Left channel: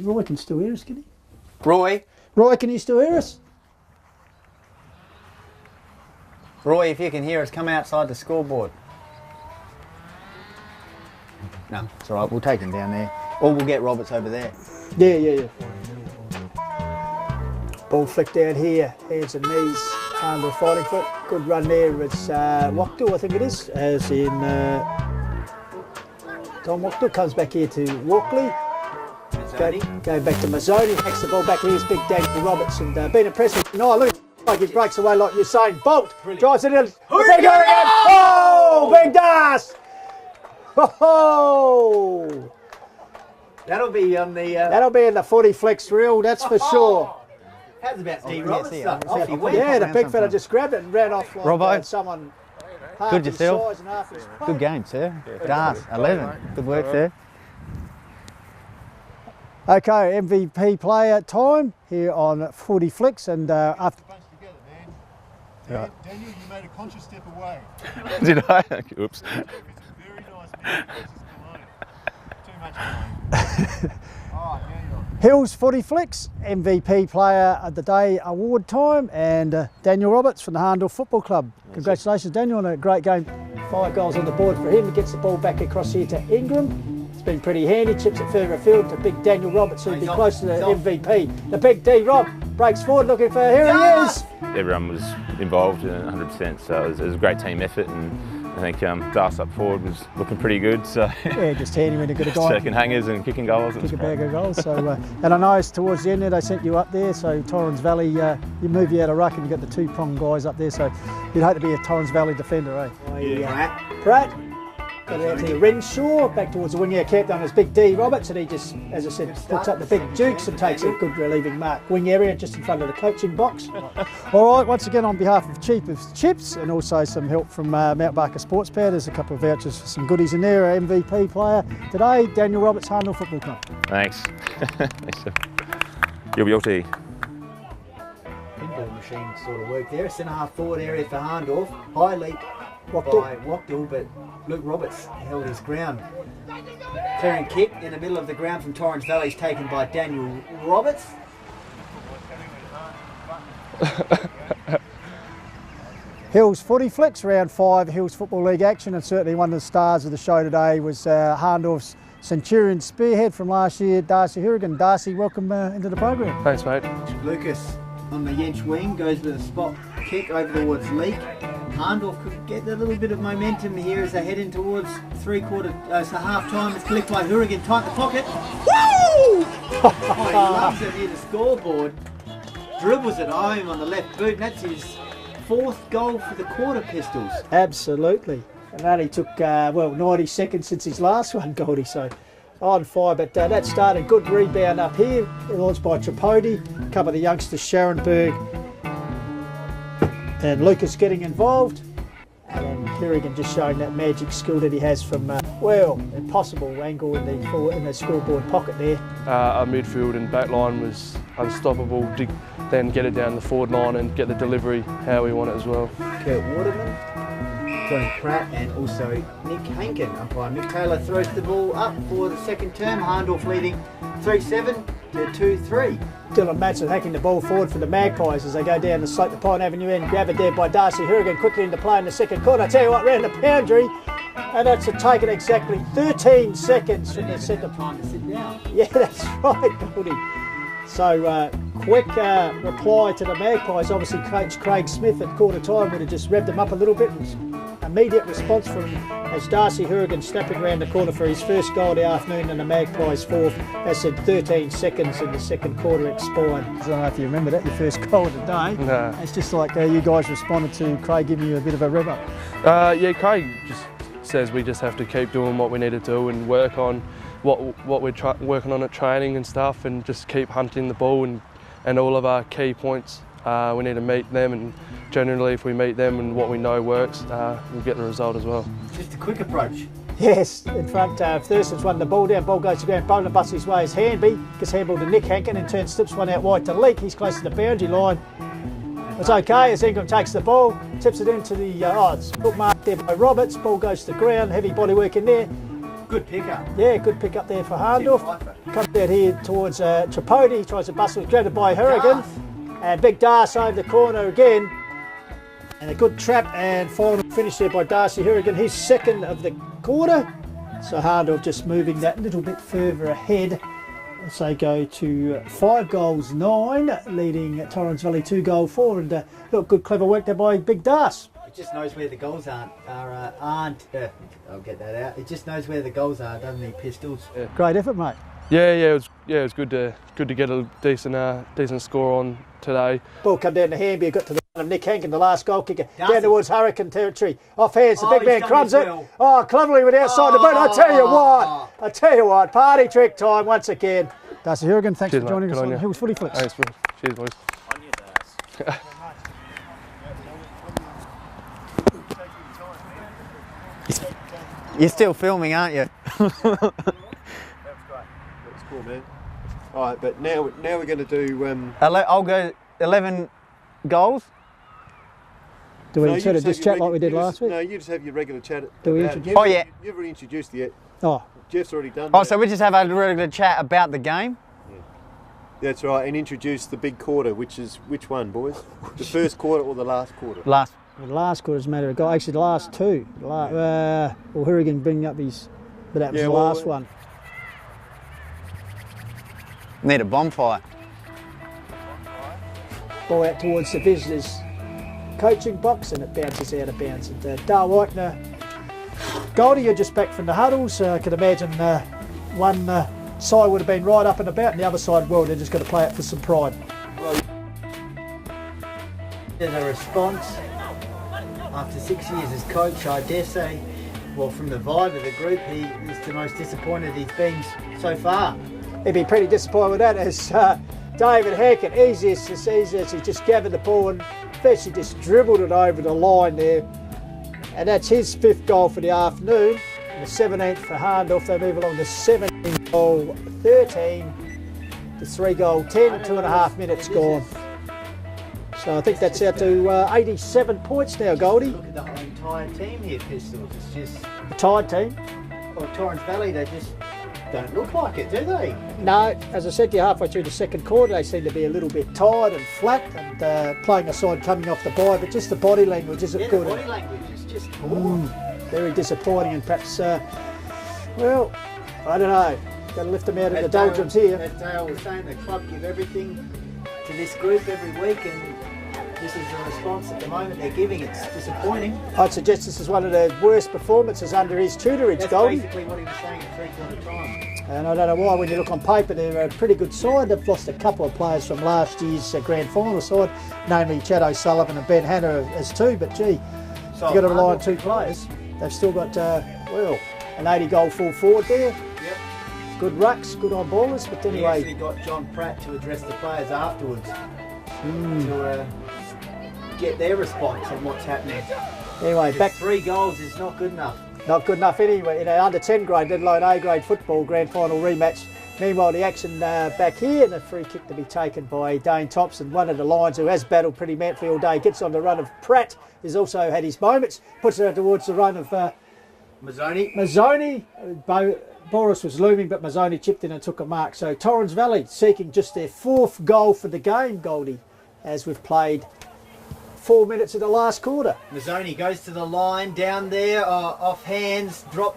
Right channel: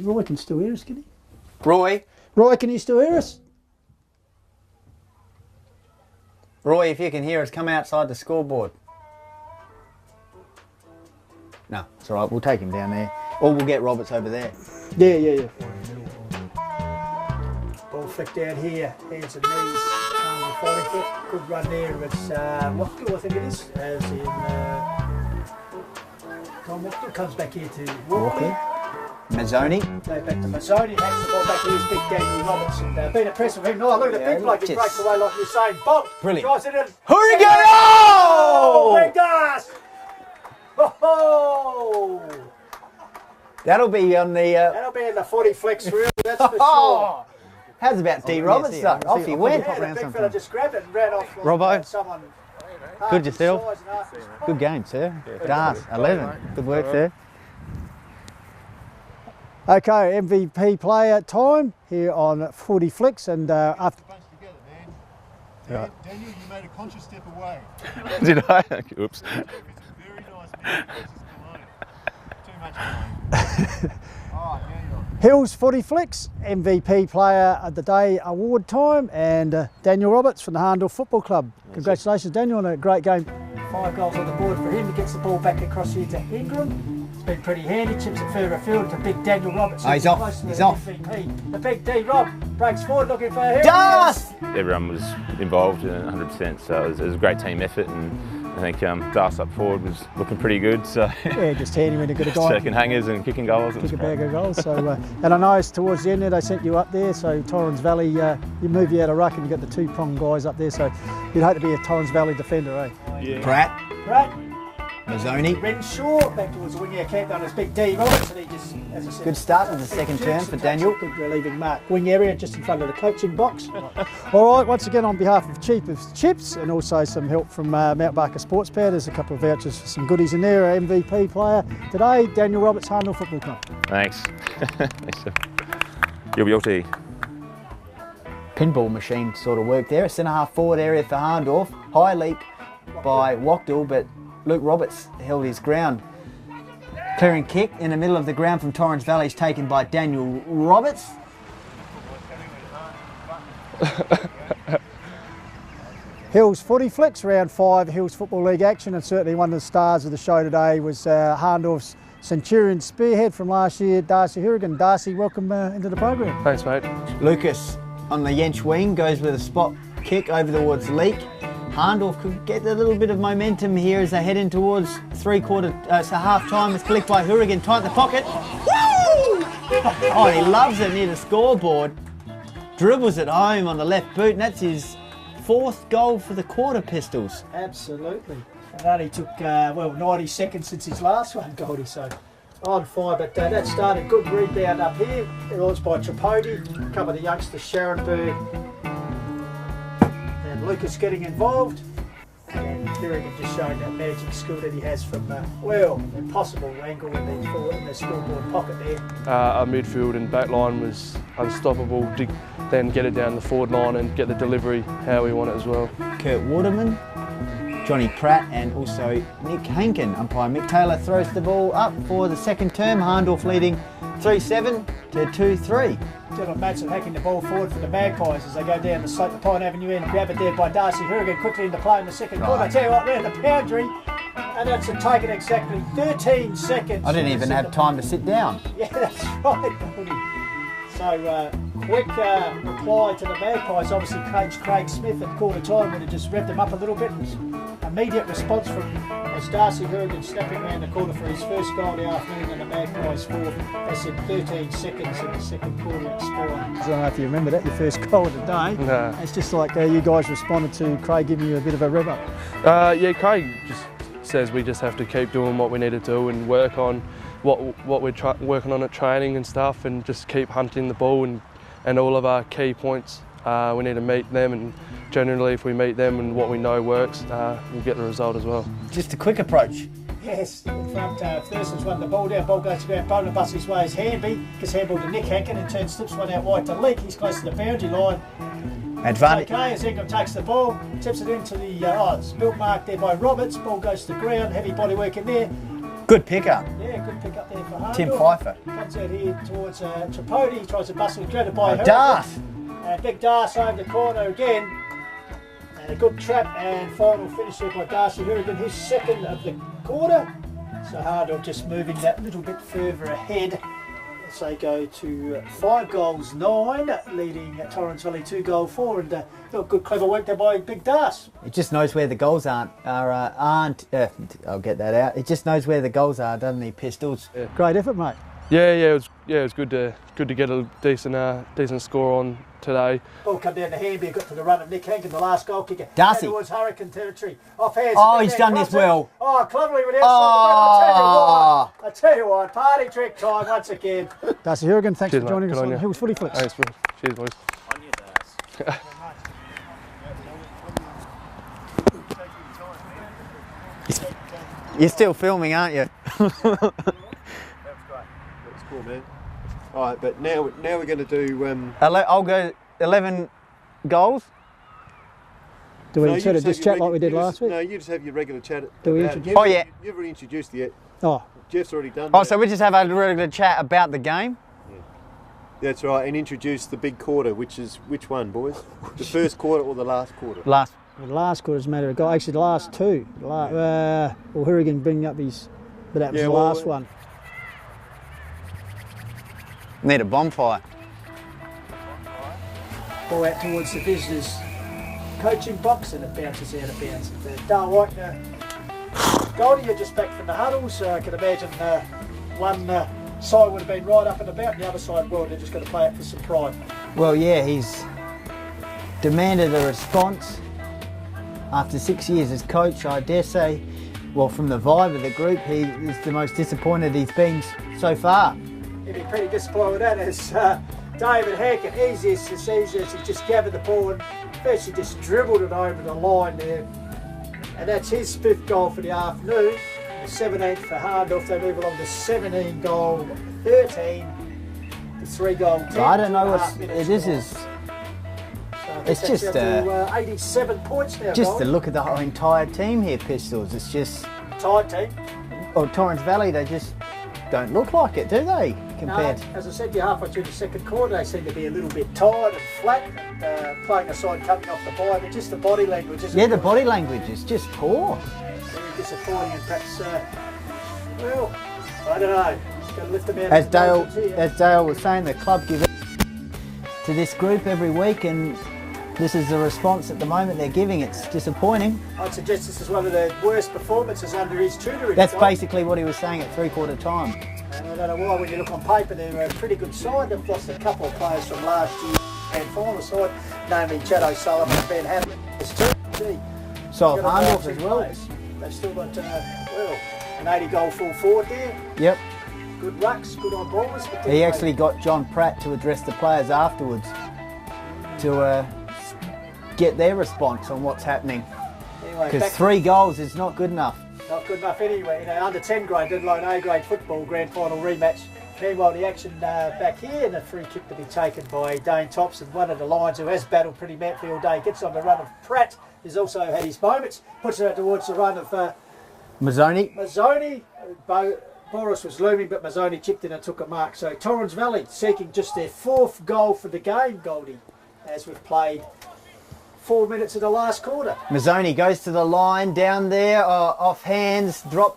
Roy can still hear us, can he? Roy, Can you still hear us? Roy, if you can hear us, come outside the scoreboard. No, it's all right. We'll take him down there, or we'll get Roberts over there. Yeah. Ball flick down here, hands and knees, under fighting foot. Good run there. It's Wachtell, I think it is, as in Tom Wachtell comes back here to Walkley. Mazzoni. Go back to Mazzoni, takes the ball back. Here's big Daniel Roberts and been impressive. Oh, look at the big bloke, he breaks away like you're saying. Bolt, drives it in. Hourigan! Oh! Big Darcy! Oh! That'll be on the. That'll be in the FootyFlix reel, that's for sure. How's about D. Roberts? Off he went. Yeah, the big fella just grabbed it and ran off. Robbo. Someone. Good yourself. Good game, sir. Darcy, 11. Good work, sir. Okay, MVP player time here on FootyFlix, and after. Daniel, you made a conscious step away. Did I? Oops. It's a very nice move. Too much time. All right, Daniel. Hills FootyFlix MVP player of the day award time, and Daniel Roberts from the Hahndorf Football Club. Congratulations, Daniel, on a great game. 5 goals on the board for him. Gets the ball back across here to Ingram. It's been pretty handy. Chips it further afield to big Daniel Roberts, who's close to the MVP. The big D Rob breaks forward looking for Hourigan. Everyone was involved 100%, so it was a great team effort, and I think Darcy up forward was looking pretty good. So yeah, just handy when you got a guy taking hangers and kicking goals. Kick a bag of goals. So, and I know towards the end there they sent you up there. So Torrens Valley, you move you out of ruck and you got the 2-prong guys up there. So you'd hope to be a Torrens Valley defender, eh? Yeah. Pratt. Mazzoni. Renshaw back towards the wing. Yeah, kept on his big D Roberts, and he just, as I said, Good start up to the the big second jukes term and for takes a Daniel. good relieving mark. Wing area just in front of the coaching box. All right, once again on behalf of Cheapest Chips and also some help from Mount Barker Sports Pad, there's a couple of vouchers for some goodies in there. Our MVP player today, Daniel Roberts, Hahndorf Football Club. Thanks. You'll be able to. Pinball machine sort of work there. Centre half forward area for Hahndorf. High leap by Wachtell, but Luke Roberts held his ground. Clearing kick in the middle of the ground from Torrens Valley is taken by Daniel Roberts. Hills FootyFlix, round 5, Hills Football League action, and certainly one of the stars of the show today was Hahndorf's Centurion spearhead from last year, Darcy Hourigan. Darcy, welcome into the program. Thanks, mate. Lucas on the Yench wing goes with a spot kick over towards Leek. Hahndorf could get a little bit of momentum here as they head in towards half time. It's flicked by Hourigan, tight in the pocket. Woo! Oh, he loves it near the scoreboard. Dribbles it home on the left boot, and that's his 4th goal for the Quarter Pistols. Absolutely. And it only took, 90 seconds since his last one, Goldie, so on fire. But that started good rebound up here. It was by Tripodi, a couple of the youngsters, Sharonberg and Lucas getting involved. And Hourigan just showing that magic skill that he has from, impossible angle in the scoreboard pocket there. Our midfield and back line was unstoppable. Then get it down the forward line and get the delivery how we want it as well. Kurt Waterman, Johnny Pratt, and also Nick Hankin. Umpire Mick Taylor throws the ball up for the second term. Hahndorf leading 3-7 to 2-3. Dylan Matson hacking the ball forward for the Magpies as they go down the slope to Pine Avenue end. Grab it there by Darcy Hourigan, quickly into play in the second quarter. I tell you what, round the boundary, and that's taken exactly 13 seconds. I didn't even have time to sit down. Yeah, that's right, Goldie. So quick reply to the Magpies. Obviously, Coach Craig Smith at quarter time would have just revved them up a little bit. Immediate response from as Darcy Hourigan snapping around the corner for his first goal of the afternoon, and the Magpies 4th. They said 13 seconds in the second quarter expired. I don't know if you remember that, your first goal of the day. No. It's just like you guys responded to Craig giving you a bit of a rev up. Yeah, Craig just says we just have to keep doing what we need to do and work on what we're working on at training and stuff, and just keep hunting the ball and all of our key points. We need to meet them, and generally if we meet them and what we know works, we'll get the result as well. Just a quick approach. Yes, in front, Thurston's won the ball down, ball goes to ground, Bowler busts his way, his Handby, gets handball to Nick Hankin and turns, slips one out wide to Leek. He's close to the boundary line. It's okay as Ingram takes the ball, tips it into the, it's good mark there by Roberts, ball goes to the ground, heavy body work in there. Good pickup. Yeah, good pick up there for Tim Hahndorf. Pfeiffer. Comes out here towards Tripodi, tries to bustle, grabbed it by Hourigan. Darcy. And big Darcy over the corner again. And a good trap and final finish there by Darcy Hourigan, his second of the quarter. So Hahndorf just moving that little bit further ahead as they go to 5 goals 9, leading Torrens Valley 2 goal 4. And good clever work there by big Darcy. It just knows where the goals aren't. I'll get that out. It just knows where the goals are, doesn't it, Pistols? Great effort, mate. Yeah, it was good to get a decent score on today. Ball come down the handby, got to the run of Nick Hankin, the last goal kicker. Darcy. Down towards Hurricane territory. Off hands, Oh, the big he's man done crumbs this it. well. Oh, cleverly went outside the boot. I tell you what, party trick time once again. Darcy Hourigan, thanks Cheers, for joining mate. us Good on on you. Hills FootyFlix. Thanks, bro. Cheers, boys. You're still filming, aren't you? That was cool, man. All right, but now we're going to do. I'll go 11 goals. Do we No, you sort of have just your chat like we did you last week? No, you just have your regular chat. Do we about it. introduce- You've- Oh, yeah. You've already introduced it yet. Oh, Jeff's already done Oh, that. so we just have a regular chat about the game? That's right, and introduce the big quarter, which one, boys? The first quarter or the last quarter? Last. the last quarter's a matter of goal. Actually, the last two. Well, Hourigan bringing up his, but that was Yeah, the well, last one. Need a bonfire. Ball out towards the visitors' coaching box, and it bounces out of bounds. Dar Whitener, Goldie, you're just back from the huddles. I can imagine one side would have been right up and about, and the other side, well, they're just going to play it for some pride. Well, yeah, he's demanded a response after 6 years as coach. I dare say, well, from the vibe of the group, he is the most disappointed he's been so far. He'd be pretty disappointed with that as David Hackett, easiest as he just gathered the ball and first he just dribbled it over the line there. And that's his 5th goal for the afternoon. The 17th for Hahndorf. They move along to 17 goal 13 to 3 goal 10, I don't 2.5 know. minutes This score. is So I think it's that's just, out to 87 points now, just Goldie. to look at the whole entire team here, Pistols. It's just, Tied team. well, Torrens Valley, they just don't look like it, do they? No, Compared- as I said to you, halfway through the second quarter, they seem to be a little bit tired and flat, and playing a side coming off the bye, but just the body language isn't Yeah, the good. body language is just poor. Very disappointing, and perhaps, well, I don't know. Got to lift them out As of the Dale, doldrums here. as Dale was saying, the club give everything to this group every week, and this is the response at the moment they're giving. It's disappointing. I'd suggest this is one of the worst performances under his tutorage. That's Goldie. basically what he was saying at three-quarter time. And I don't know why, when you look on paper, they're a pretty good side. They've lost a couple of players from last year's grand final side, namely Chad O'Sullivan and Ben Hanna as two, but gee, So you've got to roll Hahndorf 2 players. They've still got, well, an 80 goal full forward there. Yep. Good rucks, good on ballers. But then He they- actually got John Pratt to address the players afterwards to get their response on what's happening. Anyway, Because back 3 goals is not good enough. not good enough anyway. You know, under 10 grade, let alone A grade football grand final rematch. Meanwhile, the action back here, and a free kick to be taken by Dane Thompson, one of the Lions who has battled pretty manfully all day. Gets on the run of Pratt, who's also had his moments. Puts it out towards the run of Mazzoni. Boris was looming, but Mazzoni chipped in and took a mark. So Torrens Valley seeking just their 4th goal for the game, Goldie, as we've played 4 minutes in the last quarter. Mazzoni goes to the line down there, off hands, drop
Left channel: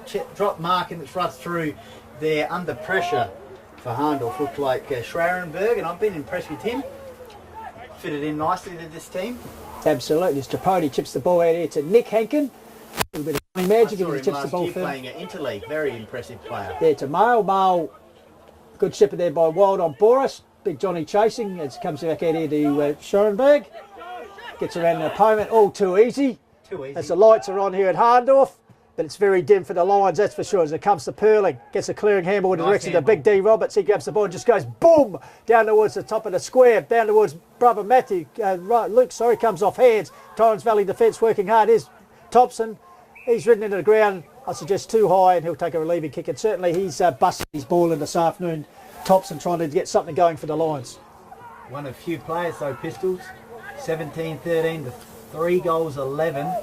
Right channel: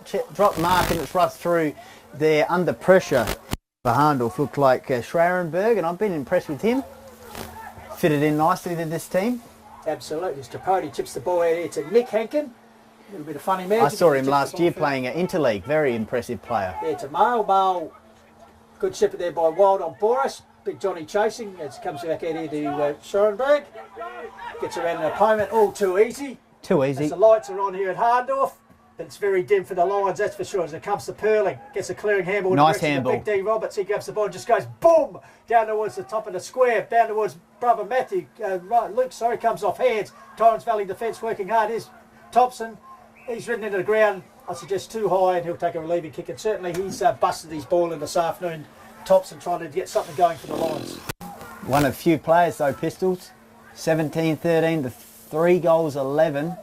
mark, and it's rushed through there under pressure for Hahndorf. Looked like Schrarenberg, and I've been impressed with him. Fitted in nicely to this team. Absolutely. As Tripodi chips the ball out here to Nick Hankin. A little bit of funny magic. I saw as he him chips last the ball year further. playing at Interleague. Very impressive player. Yeah, to Male. Male, good shepherd there by Wild on Boris. Big Johnny chasing as he comes back out here to Schoenberg. Gets around an opponent, all too easy. Too As easy. the lights are on here at Hahndorf, but it's very dim for the Lions, that's for sure. As it comes to Perling, gets a clearing handball in the Nice direction of handball. Big D Roberts. He grabs the ball and just goes boom down towards the top of the square, down towards brother Matthew. Luke, comes off hands. Torrens Valley defence working hard. Is Thompson. He's ridden into the ground, I suggest too high, and he'll take a relieving kick. And certainly he's busted his ball in this afternoon. Thompson trying to get something going for the Lions. One of few players though, Pistols. 17-13 to 3 goals 11.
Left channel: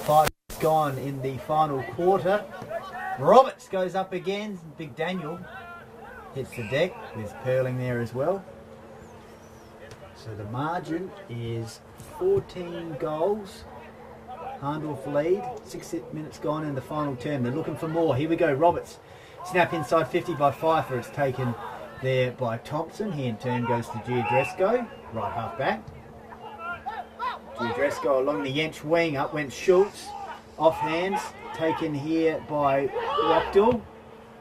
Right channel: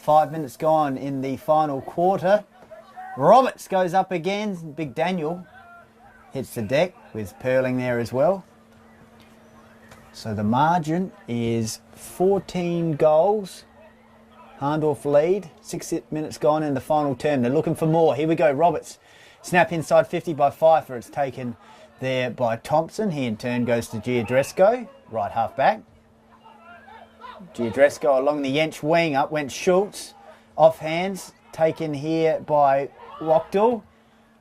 5 minutes gone in the final quarter. Roberts goes up again. Big Daniel hits the deck with Perling there as well. So the margin is 14 goals. Hahndorf lead. 6 minutes gone in the final term. They're looking for more. Here we go. Roberts. Snap inside 50 by Pfeiffer. It's taken there by Thompson. He in turn goes to Giadresco. Right half back. Giadresco along the Yench wing. Up went Schultz. Off hands. Taken here by Rockdale.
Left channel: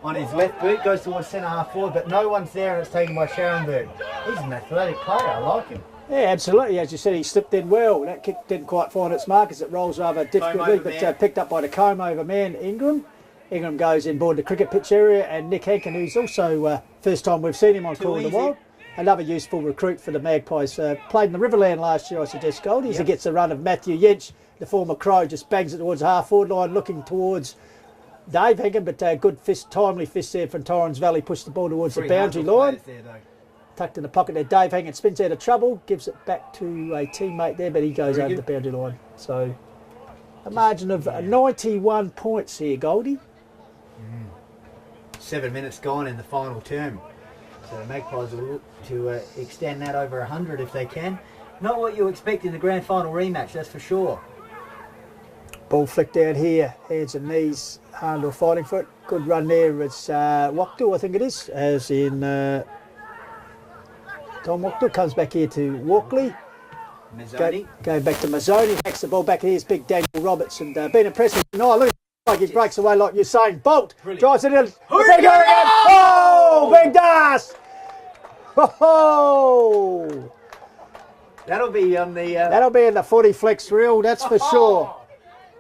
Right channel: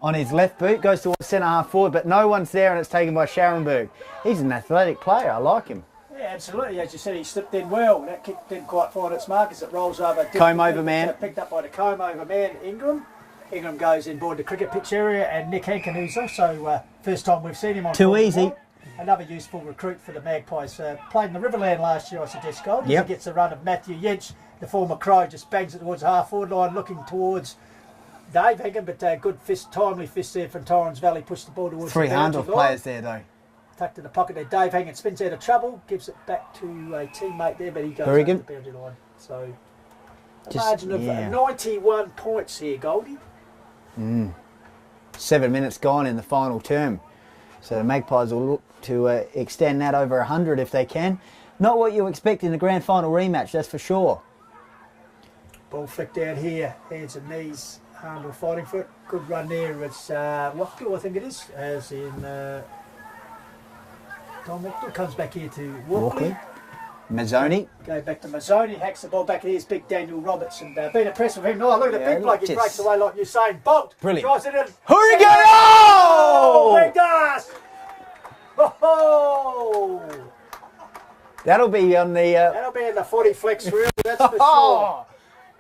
On his left boot, goes towards centre half forward, but no one's there and it's taken by Scharenberg. He's an athletic player, I like him. Yeah, absolutely. As you said, he slipped in well. That kick didn't quite find its mark as it rolls over. Comb over man. Picked up by the comb over man, Ingram. Ingram goes inboard the cricket pitch area, and Nick Hankin, who's also first time we've seen him on Too easy. Another useful recruit for the Magpies. Played in the Riverland last year, I suggest, Goldie. Yep. He gets a run of Matthew Yench, the former Crow, just bangs it towards the half-forward line, looking towards Dave Hankin, but good fist, timely fist there from Torrens Valley, pushed the ball towards the boundary line. Players there though. Tucked in the pocket there. Dave Hankin spins out of trouble, gives it back to a teammate there, but he goes over the boundary line. So a margin of 91 points here, Goldie. 7 minutes gone in the final term. So the Magpies will look to extend that over 100 if they can. Not what you expect in the grand final rematch, that's for sure. Ball flicked out here, hands and knees. Hahndorf fighting for it. Good run there. It's Wackdale, I think it is, as in Tom Wackdale comes back here to Walkley. Mazzoni. Going back to Mazzoni, hacks the ball back here. Here's big Daniel Roberts, and been impressive. Oh, look at the big bloke. He breaks away like you're saying. Bolt. Brilliant. Drives it in. Hourigan! Oh! Big Darcy! Oh! That'll be on the... That'll be in the FootyFlix reel, that's for sure.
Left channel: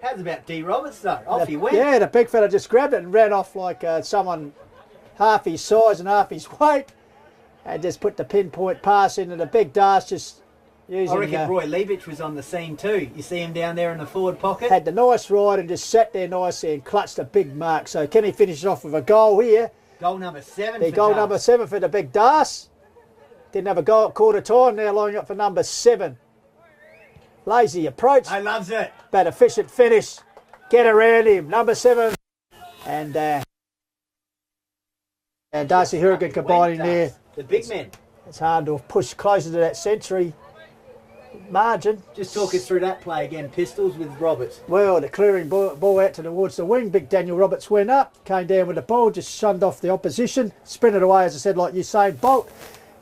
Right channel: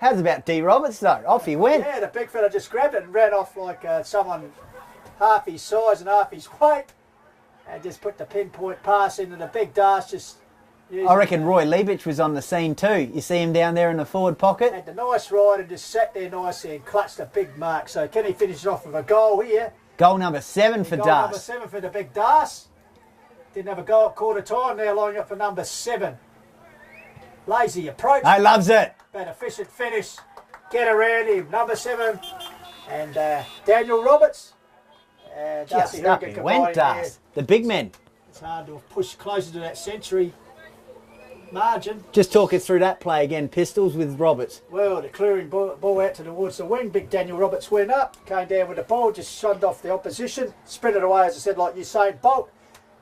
How's about D. Roberts though? Off he went. Yeah, the big fella just grabbed it and ran off like someone half his size and half his weight, and just put the pinpoint pass into the big Darcy. Just using, I reckon Roy Liebich was on the scene too. You see him down there in the forward pocket. had the nice ride and just sat there nicely and clutched a big mark. So can he finish off with a goal here? Goal number 7 for Goal Darcy. number 7 for the big Darcy. Didn't have a goal at quarter time. Now lining up for number 7. Lazy approach. He loves it. But efficient finish. Get around him. Number 7. And Daniel Roberts. And Darcy Just up Hourigan he combining went, there. Darcy. The big men. It's Hahndorf pushed closer to that century margin. Just talk us through that play again. Pistols with Roberts. Well, the clearing ball out towards the wing. Big Daniel Roberts went up. Came down with the ball. Just shunned off the opposition. Sprinted away, as I said, like Usain Bolt.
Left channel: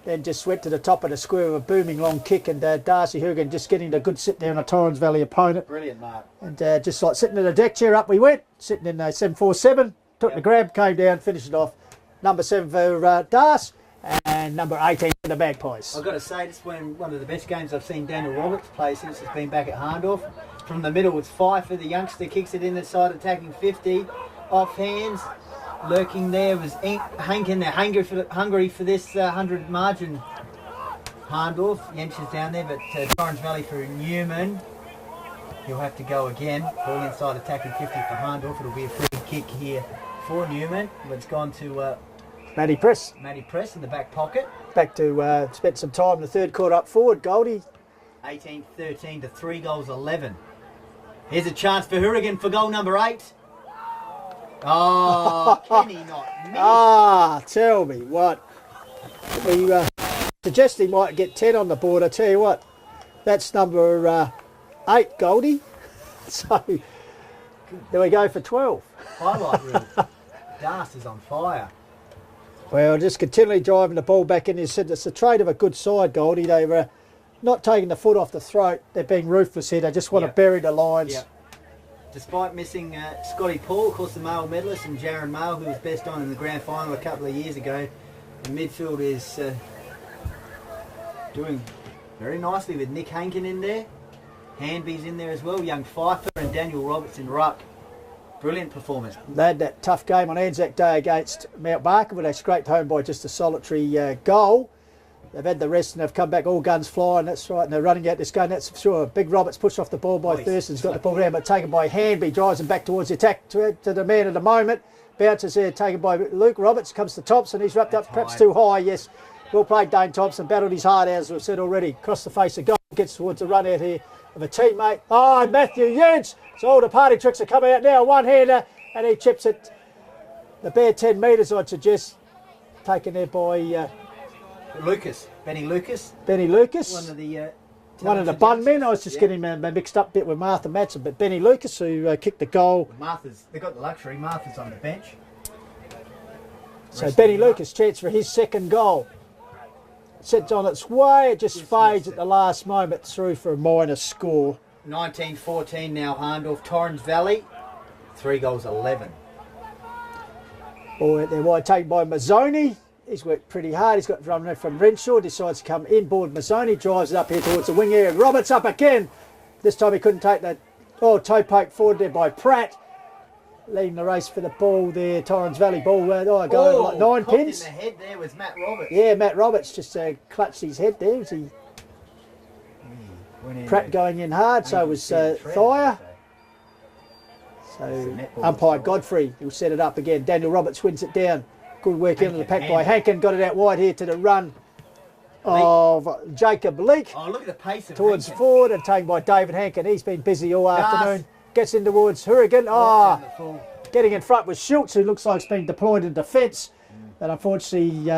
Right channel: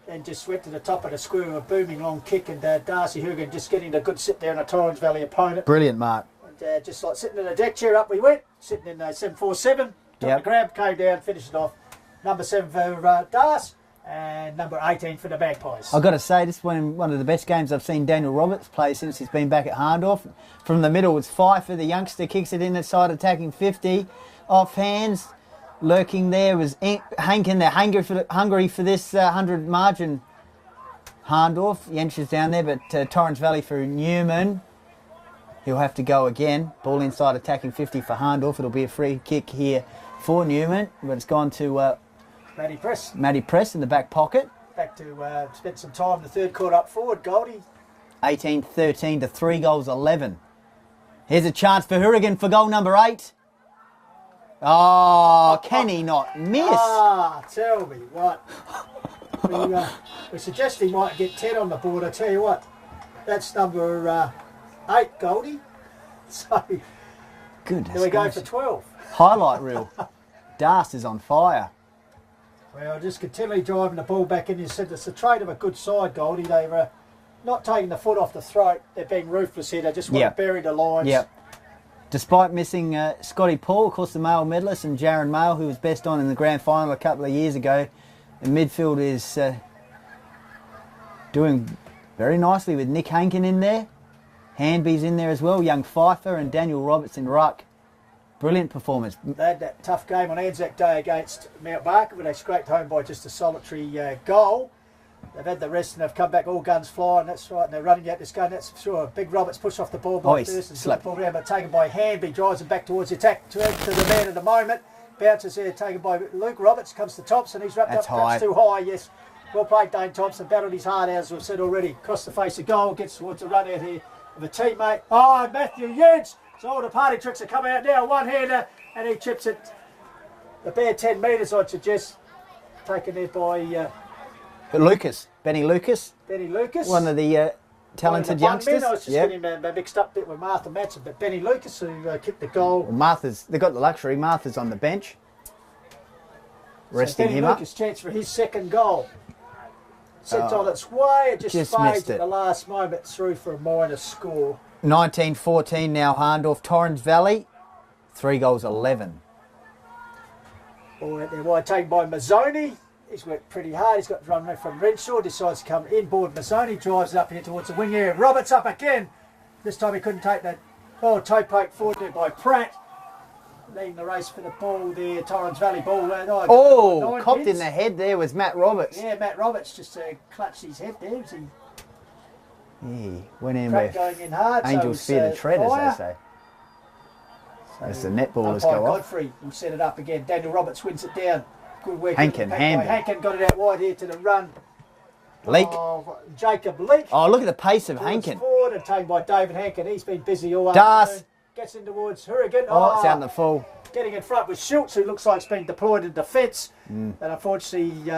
Then just went to the top of the square with a booming long kick, and Darcy Hourigan just getting a good sit there on a Torrens Valley opponent. Brilliant, Mark. And just like sitting in the deck chair, up we went. Sitting in 747. Took the grab, came down, finished it off. Number 7 for Darcy, and number 18 for the Magpies. I've got to say, this is one of the best games I've seen Daniel Roberts play since he's been back at Hahndorf. From the middle, it's Pfeiffer. The youngster kicks it in the side, attacking 50. Off hands. Lurking there was Hankin. They're hungry for this 100 margin. Hahndorf, Yench is down there, but Torrens Valley for Newman. He'll have to go again. Ball inside, attacking 50 for Hahndorf. It'll be a free kick here for Newman, but it's gone to Matty Press. Matty Press in the back pocket. Back to spent some time in the third quarter up forward, Goldie. 18-13 to 3 goals 11. Here's a chance for Hourigan for goal number 8. Oh, can he not miss? Ah, tell me what. We suggest he might get 10 on the board. I tell you what, that's number 8, Goldie. So Goodness here we go gracious. for 12. Highlight reel. Darcy is on fire. Well, just continually driving the ball back in. It's the trait of a good side, Goldie. They were not taking the foot off the throat. They're being ruthless here. They just want to bury the lines. Yep. Despite missing Scotty Paul, of course, the male medalist, and Jaron Mail, who was best on in the grand final a couple of years ago, the midfield is doing very nicely with Nick Hankin in there. Handby's in there as well. Young Pfeiffer and Daniel Roberts in ruck. Brilliant performance. They had that tough game on Anzac Day against Mount Barker, but they scraped home by just a solitary goal. They've had the rest and they've come back all guns flying, that's right, and they're running out this game, that's for sure. Big Roberts pushed off the ball by Thurston's got the ball down, but taken by Handby, drives him back towards the attack to the man at the moment. Bounces there, taken by Luke Roberts, comes to Thompson, he's wrapped up perhaps too high, yes. Well played Dane Thompson, battled his heart out as we've said already. Across the face of goal, gets towards the run out here of a teammate. Oh, Matthew Yench! So all the party tricks are coming out now, one-hander, and he chips it the bare 10 metres, I'd suggest, taken there by Lucas, Benny Lucas, one of the talented bun youngsters. men. I was just getting mixed up a bit with Martha Matson, but Benny Lucas, who kicked the goal. Well, they got the luxury. Martha's on the bench. So Benny Lucas, chance for his second goal. Sets on its way, it just fades at the last moment through for a minor score. 19-14 now, Hahndorf. Torrens Valley, 3 goals 11. Ball out there wide, taken by Mazzoni. He's worked pretty hard. He's got run from Renshaw. Decides to come inboard. Mazzoni drives it up here towards the wing area. Roberts up again. This time he couldn't take that. Oh, toe poke forward there by Pratt. Leading the race for the ball there. Torrens Valley ball. Nine copped pins. in the head there was Matt Roberts. Yeah, Matt Roberts just clutched his head there. Was he? Yeah, went in Pratt going in hard. So it was tread, fire. as they say. That's the So netball. umpire Godfrey will set it up again. Daniel Roberts wins it down. Good work in the pack by Hankin. Got it out wide here to the run of Jacob Leake. Oh, look at the pace of Towards Hankin. forward and taken by David Hankin. He's been busy all Darcy. afternoon. Gets in towards Hourigan. It's out in the full. Getting in front with Schultz, who looks like it's been deployed in defence. And unfortunately,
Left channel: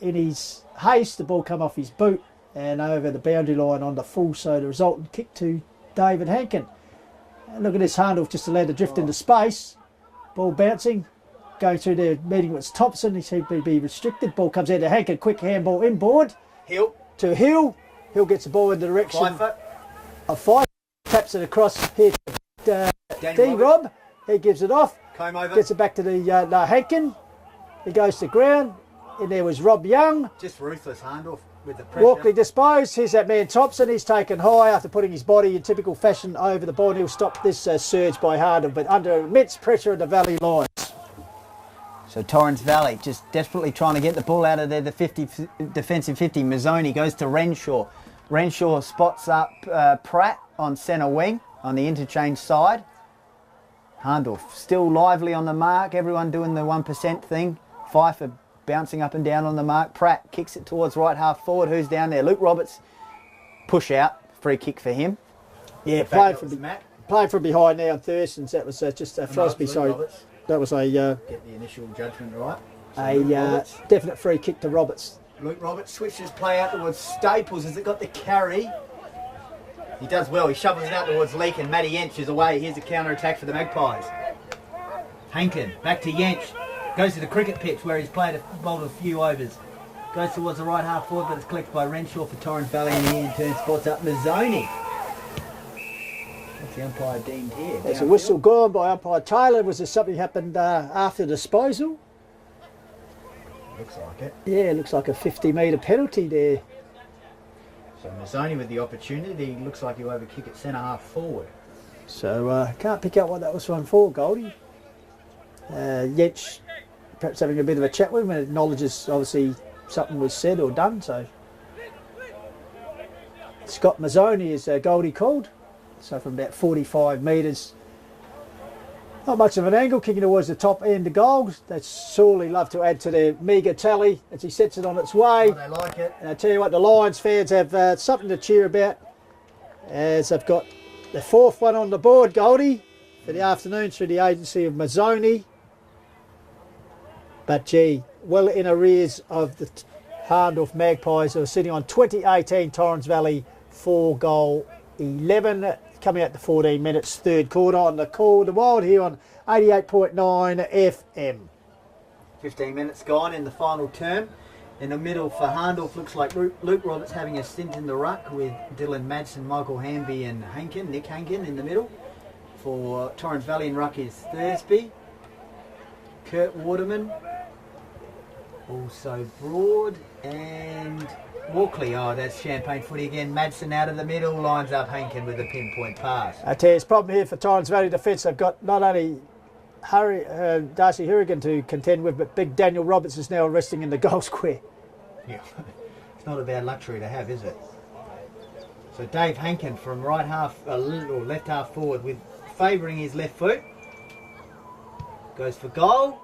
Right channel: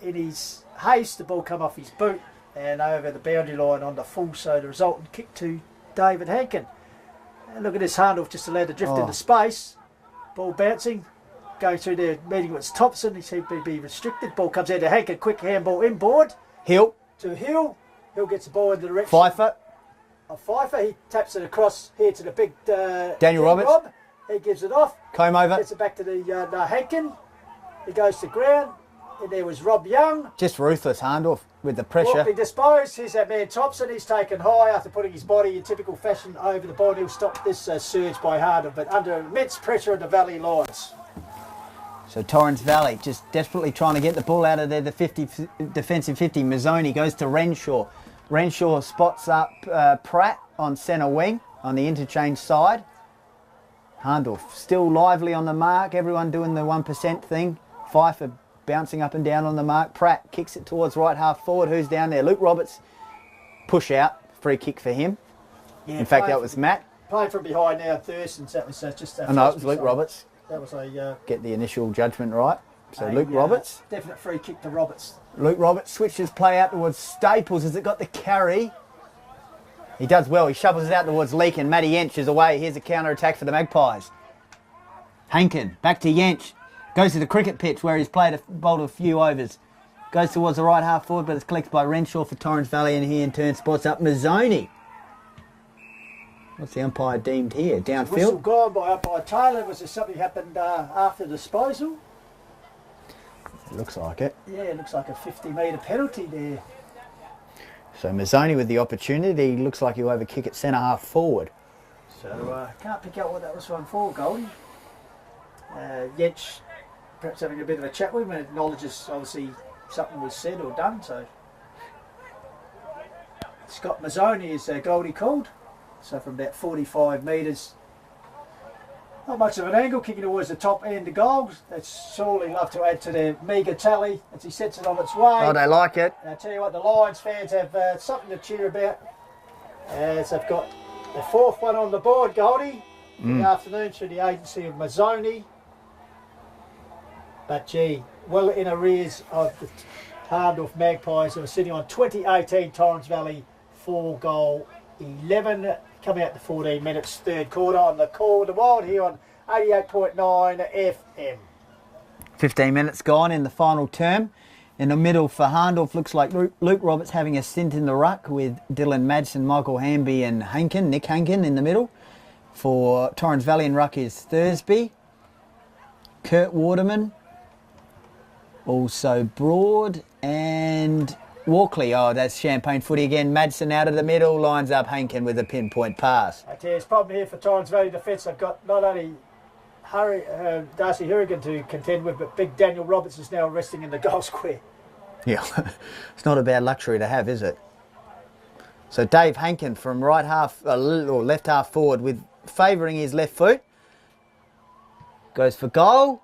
in his haste, the ball come off his boot and over the boundary line on the full. So the resultant kick to David Hankin. And look at this, Hahndorf just allowed to drift into space. Ball bouncing. Going through there, meeting with Thompson. He seemed to be restricted. Ball comes out to Hankin. Quick handball inboard. Hill. To Hill. Hill gets the ball in the direction Pfeiffer. of Pfeiffer. He taps it across here to the big Daniel Roberts. Rob. He gives it off. Comb over. Gets it back to the Hankin. He goes to ground. And there was Rob Young. Just ruthless, Hahndorf, with the pressure. Walkley disposed. Here's that man Thompson. He's taken high after putting his body in typical fashion over the ball. And he'll stop this surge by Hahndorf, but under immense pressure of the Valley lines. So Torrens Valley just desperately trying to get the ball out of there. The defensive 50. Mazzoni goes to Renshaw. Renshaw spots up Pratt on centre wing on the interchange side. Hahndorf still lively on the mark. Everyone doing the 1% thing. Pfeiffer bouncing up and down on the mark. Pratt kicks it towards right half forward. Who's down there? Luke Roberts. Push out. Free kick for him. Yeah, in fact, that was Matt. Playing from behind now, Thurston's. That was just a No, Luke Roberts. That was a get the initial judgment right. So Luke Roberts. Definite free kick to Roberts. Luke Roberts switches play out towards Staples. Has it got the carry? He does well. He shovels it out towards Leake and Matty Yench is away. Here's a counter attack for the Magpies. Hankin back to Yench. Goes to the cricket pitch where he's bowled a few overs. Goes towards the right half forward, but it's collected by Renshaw for Torrens Valley, and he in turn spots up Mazzoni. What's the umpire deemed here? There's a whistle gone by umpire Taylor. Was there something happened after disposal? Looks like it. Yeah, it looks like a 50-metre penalty there. So Mazzoni with the opportunity. Looks like he'll have a kick at centre half forward. So can't pick out what that was from for, Goldie. Yench perhaps having a bit of a chat with him and acknowledges obviously something was said or done. So Scott Mazzoni is Goldie called. So from about 45 metres, not much of an angle, kicking towards the top end of goal. They'd sorely love to add to their meagre tally as he sets it on its way. Oh, they like it. And I tell you what, the Lions fans have something to cheer about as they've got the 4th one on the board, Goldie, for the afternoon through the agency of Mazzoni. But gee, well in arrears of the Hahndorf Magpies, who are sitting on 2018 Torrens Valley 4 goal 11, coming out to 14 minutes, 3rd quarter on the call. The Wild here on 88.9 FM. 15 minutes gone in the final term. In the middle for Hahndorf, looks like Luke Roberts having a stint in the ruck with Dylan Madsen, Michael Hamby and Hankin, Nick Hankin in the middle. For Torrens Valley in ruck is Thursby, Kurt Waterman, also Broad and Walkley. Oh, that's champagne footy again. Madsen out of the middle, lines up Hankin with a pinpoint pass. I tell you, it's a problem here for Torrens Valley defence. They've got not only Darcy Hourigan to contend with, but big Daniel Roberts is now resting in the goal square. Yeah, it's not a bad luxury to have, is it? So Dave Hankin from right half, or left half forward, with favouring his left foot, goes for goal,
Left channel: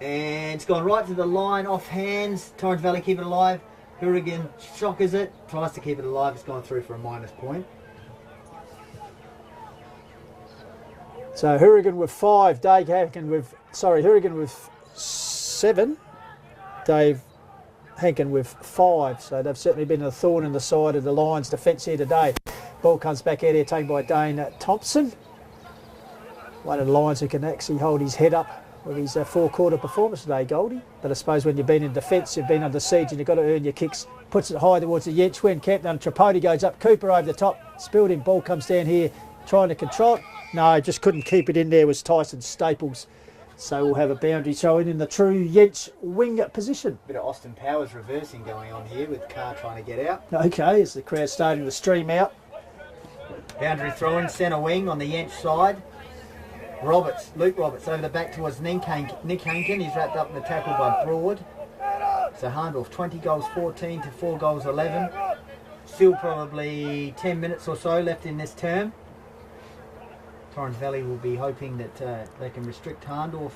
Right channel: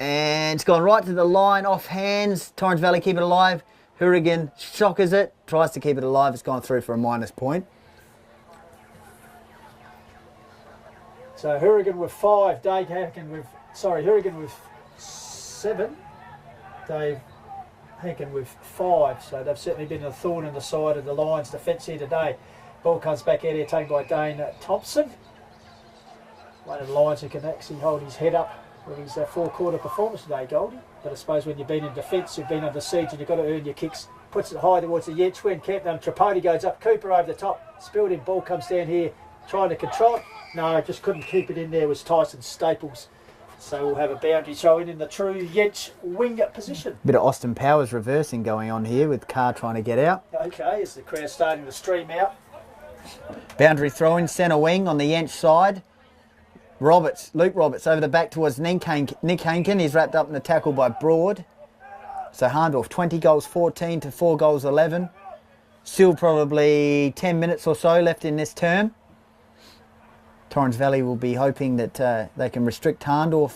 and it's gone right to the line, off hands. Torrens Valley keep it alive. Hourigan shockers it, tries to keep it alive. It's gone through for a minus point. So Hourigan with 5, Dave Hankin with Hourigan with 7, Dave Hankin with 5. So they've certainly been a thorn in the side of the Lions' defence here today. Ball comes back out here, taken by Dane Thompson. One of the Lions who can actually hold his head up with his 4-quarter performance today, Goldie. But I suppose when you've been in defence, you've been under siege and you've got to earn your kicks. Puts it high towards the Yench when Campton. Tripodi goes up, Cooper over the top, spilled in, ball comes down here, trying to control it. No, just couldn't keep it in there, was Tyson Staples. So we'll have a boundary showing in the true Yench wing position. Bit of Austin Powers reversing going on here with Carr trying to get out. Okay, as the crowd starting to stream out. Boundary throw in centre wing on the Yench side. Luke Roberts over the back towards Nick Hankin. He's wrapped up in a tackle by Broad. So Hahndorf 20 goals 14 to 4 goals 11. Still probably 10 minutes or so left in this term. Torrens Valley will be hoping that they can restrict Hahndorf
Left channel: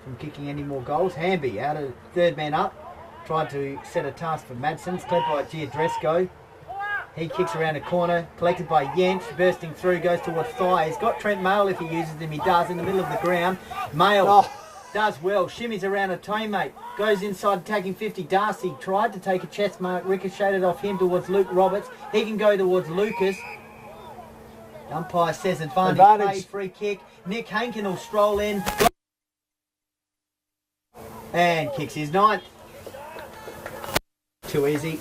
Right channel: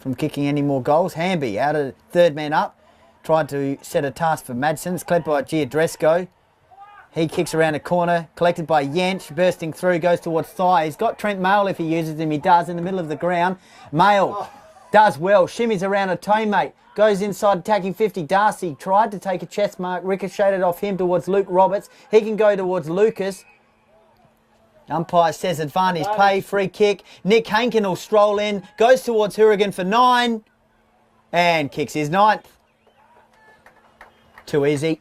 from kicking any more goals. Hamby out of third man up. Tried to set a task for Madsen's. Clipped by Giadresco. He kicks around a corner, collected by Yench, bursting through, goes towards thigh. He's got Trent Mail if he uses him. He does in the middle of the ground. Mail does well, shimmies around a teammate, goes inside attacking 50. Darcy tried to take a chest mark, ricocheted off him towards Luke Roberts. He can go towards Lucas. Umpire says advantage pay, free kick. Nick Hankin will stroll in, goes towards Hourigan for 9, and kicks his 9th. Too easy.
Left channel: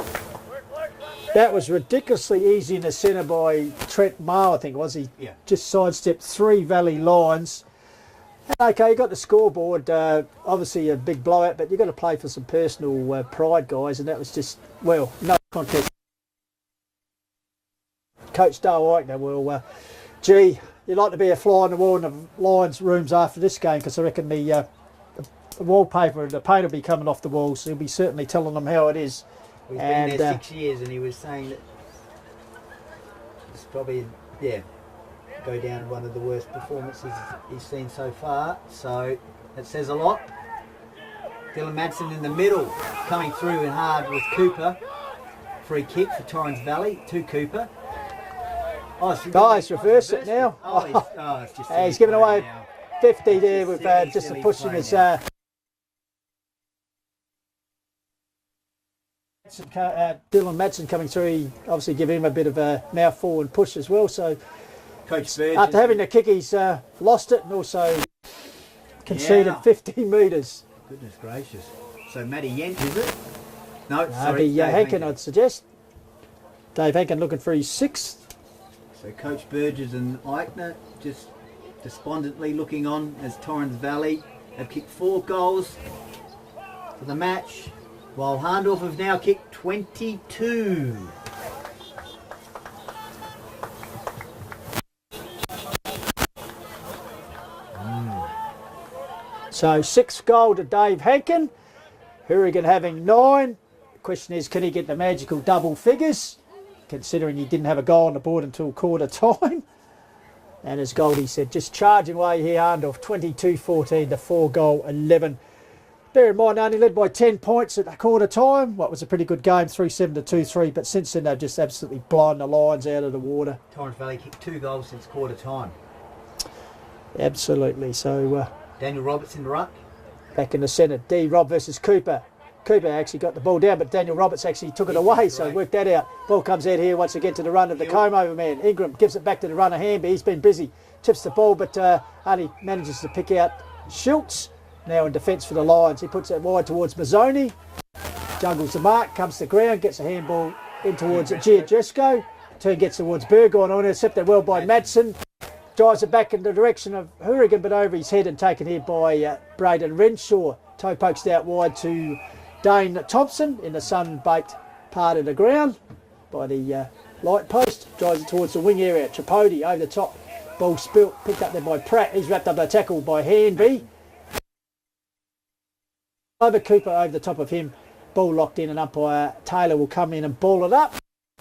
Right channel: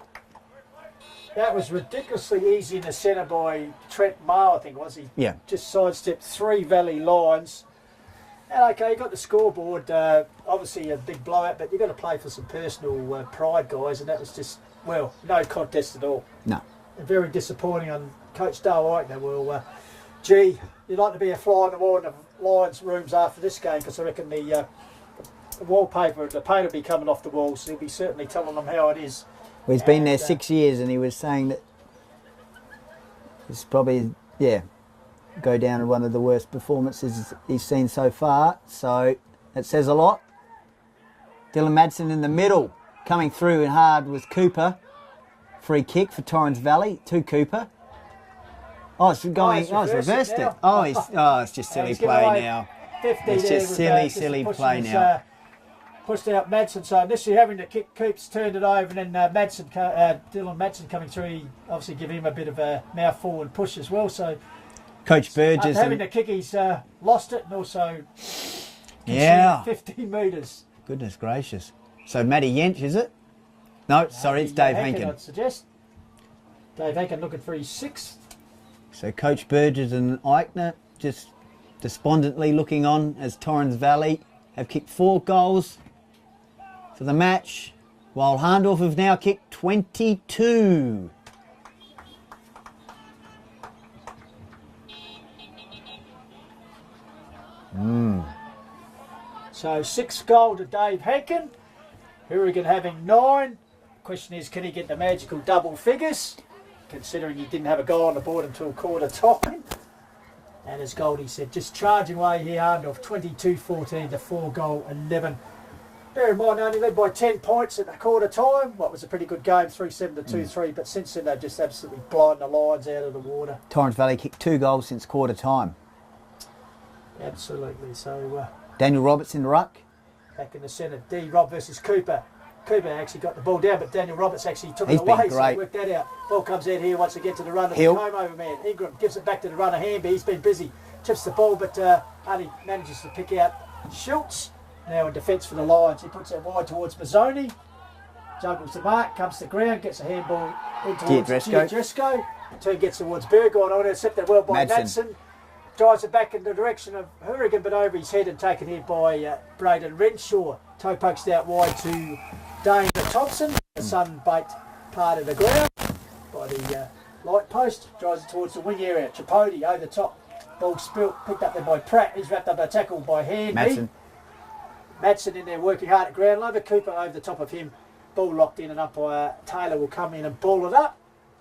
That was ridiculously easy in the centre by Trent Maher, I think, was he? Yeah. Just sidestepped 3 Valley Lions. And okay, you got the scoreboard, obviously a big blowout, but you've got to play for some personal pride, guys, and that was just, well, no contest at all. No. And very disappointing on Coach Dale Eichner. Well, gee, you'd like to be a fly on the wall in the Lions rooms after this game, because I reckon the wallpaper and the paint will be coming off the walls, so he'll be certainly telling them how it is. Well, he's been there 6 years, and he was saying that it's probably, go down to one of the worst performances he's seen so far. So that says a lot. Dylan Madsen in the middle, coming through and hard with Cooper. Free kick for Torrens Valley to Cooper. Oh, it's reversed it. It's just silly play now. 50 it's there just with silly pushing play his, now. pushed out Madsen, so initially having to kick, Coops turned it over, and then Dylan Madsen coming through, he obviously gave him a bit of a mouthful and push as well. So Coach Burgess after having to kick, he's lost it and also conceded 15 metres. Goodness gracious. So Matty Yench, is it? No, sorry, it's Dave Hankin. I'd suggest. Dave Hankin looking for his 6th. So Coach Burgess and Eichner just despondently looking on as Torrens Valley have kicked 4 goals for the match, while Hahndorf have now kicked 22. So 6 goal to Dave Hankin. Hourigan having 9. The question is, can he get the magical double figures, considering he didn't have a goal on the board until quarter time? And as Goldie said, just charging away here, Hahndorf 22-14 to 4 goal 11. Bear in mind, only led by 10 points at the quarter time. What was a pretty good game, 3-7 to 2-3. But since then, they've just absolutely blown the Lions out of the water. Torrens Valley kicked 2 goals since quarter time. Absolutely. So Daniel Roberts in the ruck. Back in the centre, D. Rob versus Cooper. Cooper actually got the ball down, but Daniel Roberts actually took it away, so he worked that out. Ball comes out here once again to the runner, the comb-over man. Ingram gives it back to the runner, Hamby. He's been busy. Chips the ball, but only manages to pick out Schultz. Now in defence for the Lions. He puts that wide towards Mazzoni. Juggles the mark, comes to the ground, gets a handball in towards Giadresco. Turn gets towards Burgoyne on, intercepted well by Madsen. Drives it back in the direction of Hourigan, but over his head and taken here by Braden Renshaw. Toe pokes out wide to Dane Thompson in the sun-baked part of the ground by the light post. Drives it towards the wing area. Tripodi over the top. Ball spilt, picked up there by Pratt. He's wrapped up the tackle by Handby. Madsen in there working hard at ground. Lover Cooper over the top of him. Ball locked in, and umpire Taylor will come in and ball it up.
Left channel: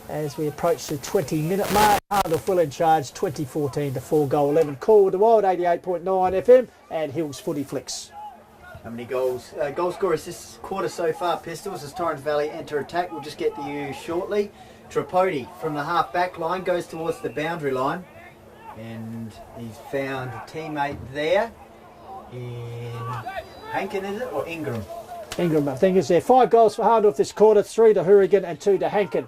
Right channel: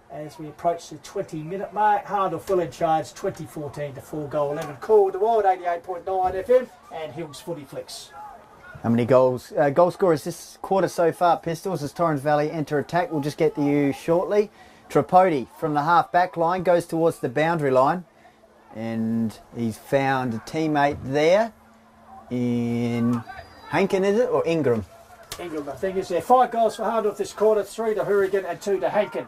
As we approach the 20-minute mark, Hahndorf full in charge, 20-14 to 4 goal 11. Call with the Wild, 88.9 FM, and Hills FootyFlix. How many goals? Goal scorers this quarter so far, Pistols, as Torrens Valley enter attack. We'll just get to you shortly. Tripodi from the half-back line goes towards the boundary line, and he's found a teammate there. in Hankin, is it, or Ingram? Ingram, I think, is there. 5 goals for Hahndorf this quarter, 3 to Hourigan and 2 to Hankin.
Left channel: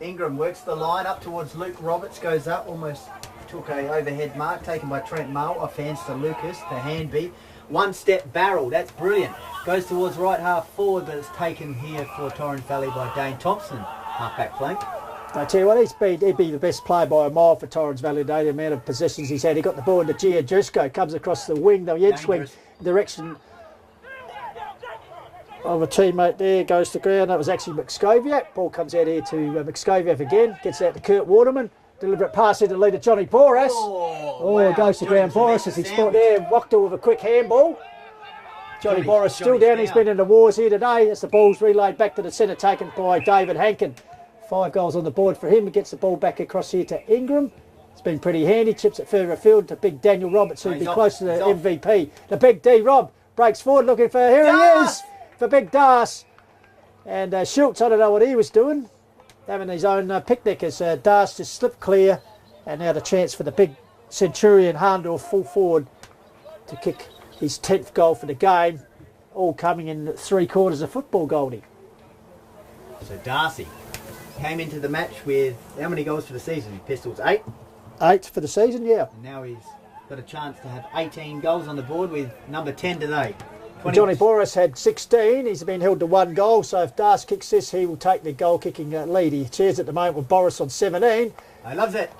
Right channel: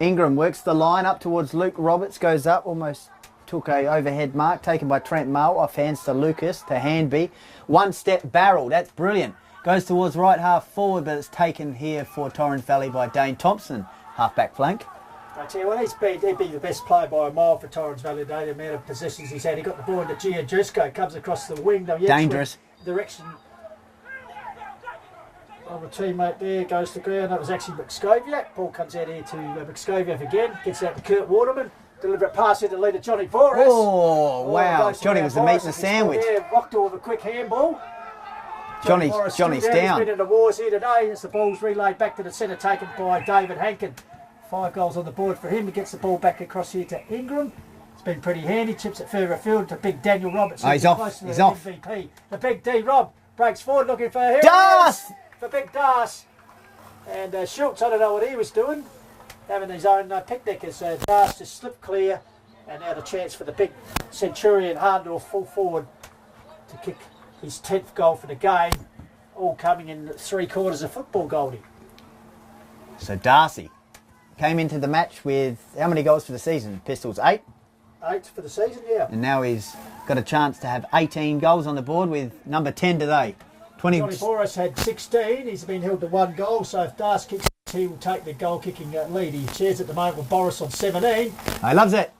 Ingram works the line up towards Luke Roberts, goes up, almost took a overhead mark, taken by Trent Mull, off hands to Lucas, to Handby. 1 step barrel, that's brilliant. Goes towards right half forward, but it's taken here for Torrens Valley by Dane Thompson, half back flank. I tell you what, he'd be the best player by a mile for Torrens Valley today. The amount of possessions he's had. He got the ball into Gia Jusko, comes across the wing, Dangerous. Direction of a teammate there, goes to ground. That was actually McScoviak. Ball comes out here to McScoviak again, gets out to Kurt Waterman. Deliberate pass here to leader Johnny Boras. Oh, wow. Goes to Johnny ground. was a Mesa sandwich. Yeah, rocked her with a quick handball. Johnny Boras still Johnny's down. down. He's been in the wars here today. As the ball's relayed back to the centre, taken by David Hankin. 5 goals on the board for him. He gets the ball back across here to Ingram. It's been pretty handy. Chips it further afield to big Daniel Roberts. He's off. Close to the He's off. MVP. The big D Rob breaks forward looking for here. He is for big Darcy. And Schultz, I don't know what he was doing. Having his own picnic as Darcy just slipped clear. And now the chance for the big Centurion Hahndorf full forward to kick his 10th goal for the game. All coming in 3/4 of football, Goldie. So Darcy came into the match with how many goals for the season? Pistols, 8? 8 for the season, yeah. And now he's got a chance to have 18 goals on the board with number 10 today. Johnny Boras had 16. He's been held to 1 goal, so if Darcy kicks this, he will take the goal-kicking lead. He cheers at the moment with Boras on 17. He loves it.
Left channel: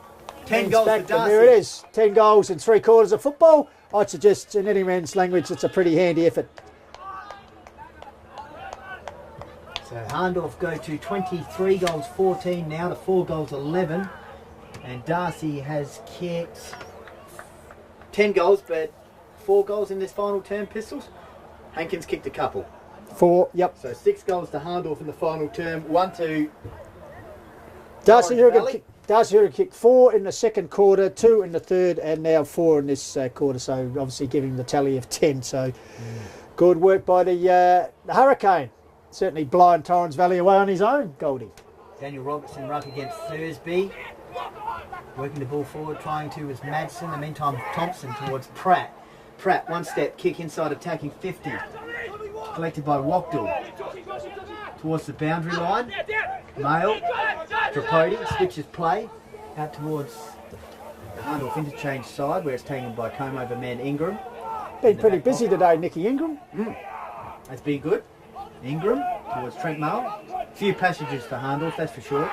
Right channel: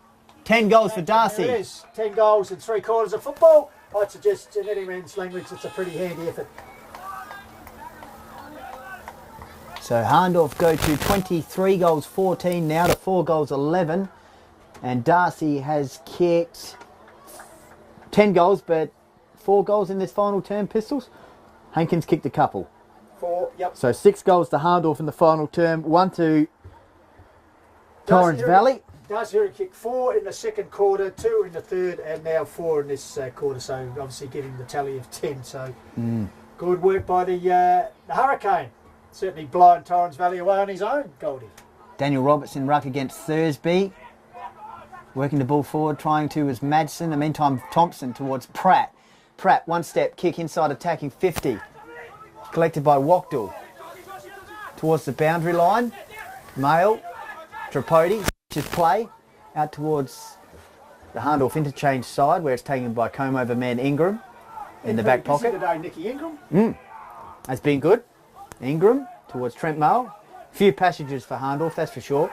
10 goals for Darcy. There it is. 10 goals in 3/4 of football. I'd suggest, in any man's language, it's a pretty handy effort. So Hahndorf go to 23 goals 14 now to 4 goals 11. And Darcy has kicked 10 goals, but 4 goals in this final term, Pistols. Hankins kicked a couple. 4, yep. So 6 goals to Hahndorf in the final term, 1 to Darcy Torrens Valley. Darcy Hourigan kicked 4 in the second quarter, 2 in the third, and now 4 in this quarter. So obviously giving the tally of 10. So good work by the Hurricane. Certainly blind Torrens Valley away on his own, Goldie. Daniel Robertson ruck against Thursby. Working the ball forward, trying to was Madsen. In the meantime, Thompson towards Pratt. Pratt, 1 step kick inside, attacking 50. Collected by Wachtel. Towards the boundary line. Mail. Tripodi switches play out towards the Hahndorf interchange side, where it's taken by comb-over man Ingram. Been in the pretty back busy pocket. today, Nicky Ingram. Has been good. Ingram towards Trent Mull. Few passages for Hahndorf, that's for sure.